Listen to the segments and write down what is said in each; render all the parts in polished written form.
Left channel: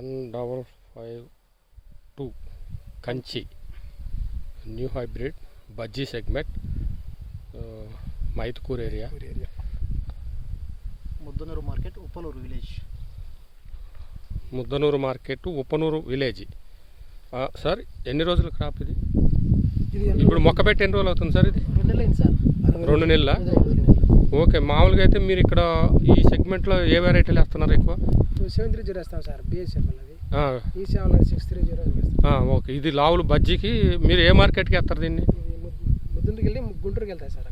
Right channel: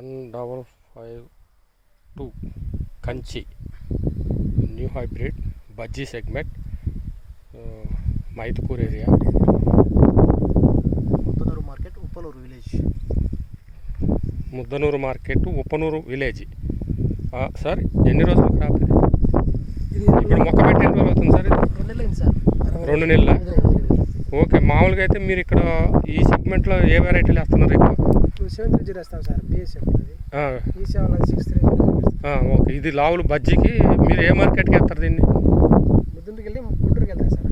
1552 Kanchi new hybrid bajji segment Mydukur area. Muddanur market Uppanur village. Muddanur market Uppanur village. Sir ఎన్ని రోజుల crop ఇది? ఇప్పుడు మొక్క పెట్టి ఎన్ని రోజులు అవుతుంది సార్? ఇది 2 నెలలు సార్. 2 నెలల. ఓకే, మామూలుగా అయితే మీరు ఇక్కడ ఈ సెగ్మెంట్లో ఏ వెరైటీలు వేస్తున్నారు ఎక్కువ? 730 వేస్తాం సార్. బిఎస్ఎఫ్ ఓకే, ఇది లావులు బజ్జీకి మీరు ఏ మార్కెట్కి వేస్తారు దీన్ని? ముద్దుంటికి వెళ్ళి గుంటూరుకి వెళ్తాయి సార్.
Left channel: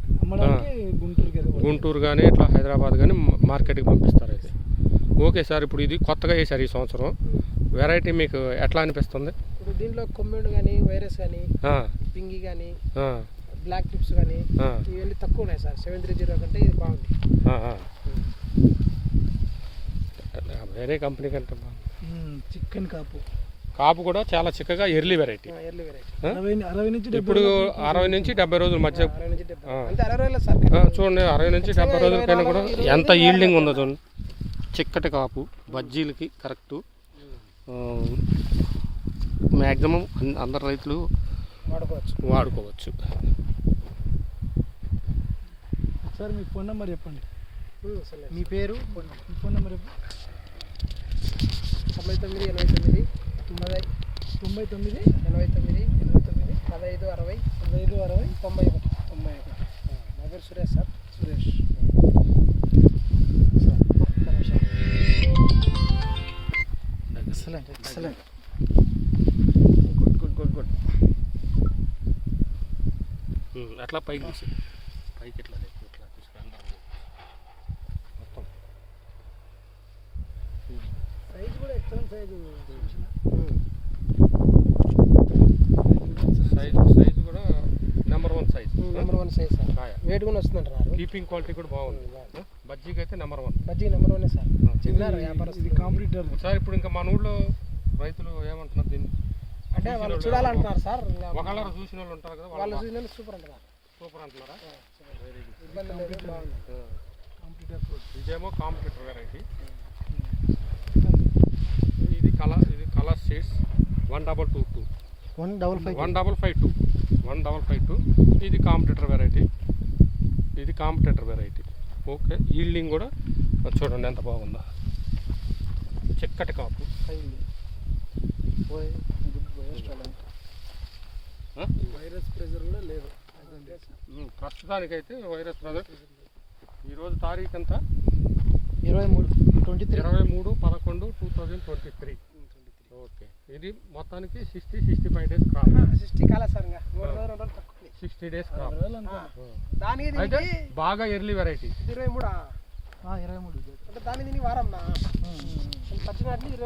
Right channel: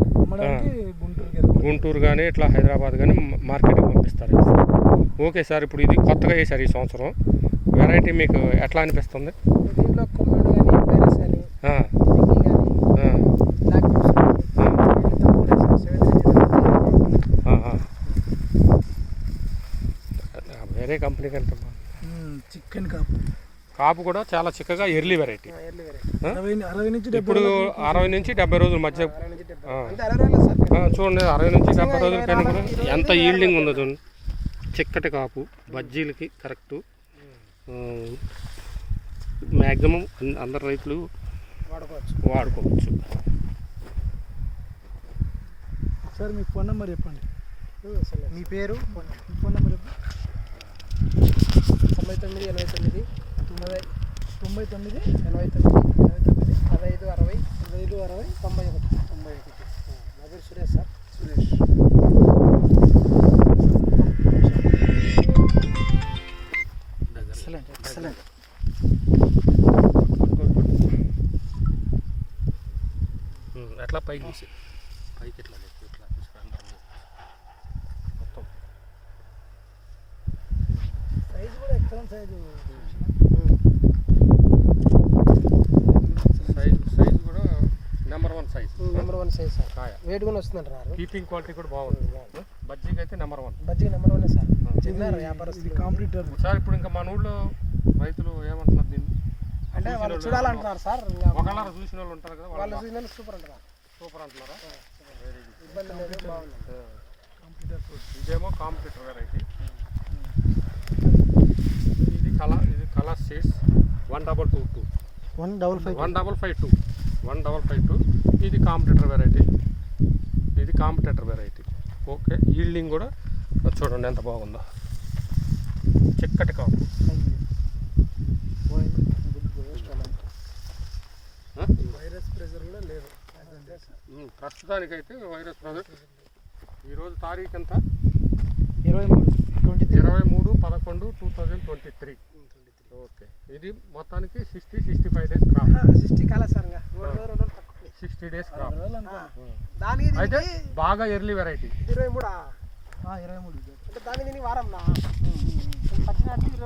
గుంటూరు కానీ ఇట్లా హైదరాబాద్ కానీ మార్కెట్కి పంపిస్తారు. ఓకే సార్, ఇప్పుడు ఇది కొత్తగా వేసారు ఈ సంవత్సరం. వెరైటీ మీకు ఎట్లా అనిపిస్తుంది? దీంట్లో కొమ్మిడి కానీ వైరస్ కానీ డింగి కానీ బ్లాక్ ట్రిప్స్ కానీ తక్కువ లేదు సార్. 730 వేరే కంపెనీ కంటే చికెన్ కాపు కూడా చాలా చిక్కగా ఎర్లీ వెరైటీ. 60 నుంచి ఇప్పుడు 60 నుంచి 70 రోజుల మధ్య చూడండి. 60 నుంచి 70 రోజుల పైన కూడా ఎంత ఈల్డింగ్ ఉందో చూడండి. చిక్కటి కాపు బజ్జీలకి కరెక్టు. మ్యాక్సిమం అందరు రైతులు వాడుకోవచ్చు. సార్ మీ ఫోన్ నెంబర్ చెప్పండి. మీ పేరు, మీ ఫోన్ నెంబర్ చెప్పండి. 99 89 99 89 15 60 91. నా పేరు సురేష్ సార్. సురేష్. ఎక్సలెంట్. ఎట్లా పైకి తీసి పైకి ఇట్లా మొత్తం సైజ్ కూడా ఎక్సలెంట్ సైజు కూడా నెంబర్ 1 సైజ్. సార్. వెయిట్ కూడా వస్తుందంటారు. కీపింగ్ క్వాలిటీ కూడా బాగుంది. బజ్జీకి అయితే నెంబర్ 1. బజ్జీకి నెంబర్ 1 సార్. చిన్నారు వ్యాపారస్తులు కాంపిటీటర్ సార్. ఇప్పుడు ఇంకా మన ఊళ్ళో రైతులు ఏమంటున్నారు దీన్ని? అంటే వాళ్ళు చూడాలంటున్నారు సార్. ఒకళ్ళ చూసిన వాళ్ళు ఉంటారు కదా, వాళ్ళు చూసిన సూపర్ అంటున్నారు. సూపర్ అంటున్నారా? ఇబ్బంది లేదు, బాగుంది. ఇదేమో కాంపిటీటర్ వెరైటీ. ఇది కలర్ షేడ్స్ 1222 1552. ఇది కాంపిటీటర్ వెరైటీ. ఓకే, ఈల్డింగ్ కూడా చూడండి ఎంత బాగుందో. చిక్కటి కాపు. వైరస్ ప్రెజర్ కూడా లేదు ప్రస్తుతానికైతే. వైరస్ ప్రెజర్ ఈరోజు తారీఖు ఎంత? 23/11/2023. ఓకే, ఇది మొత్తానికి 60-65 డేస్ క్రాప్. 60 కాలేదు సార్. 60 days crop. దానికి అయితే బాగా ఎర్లీ వెరైటీ. 23 అంటే దాని వారం 15 25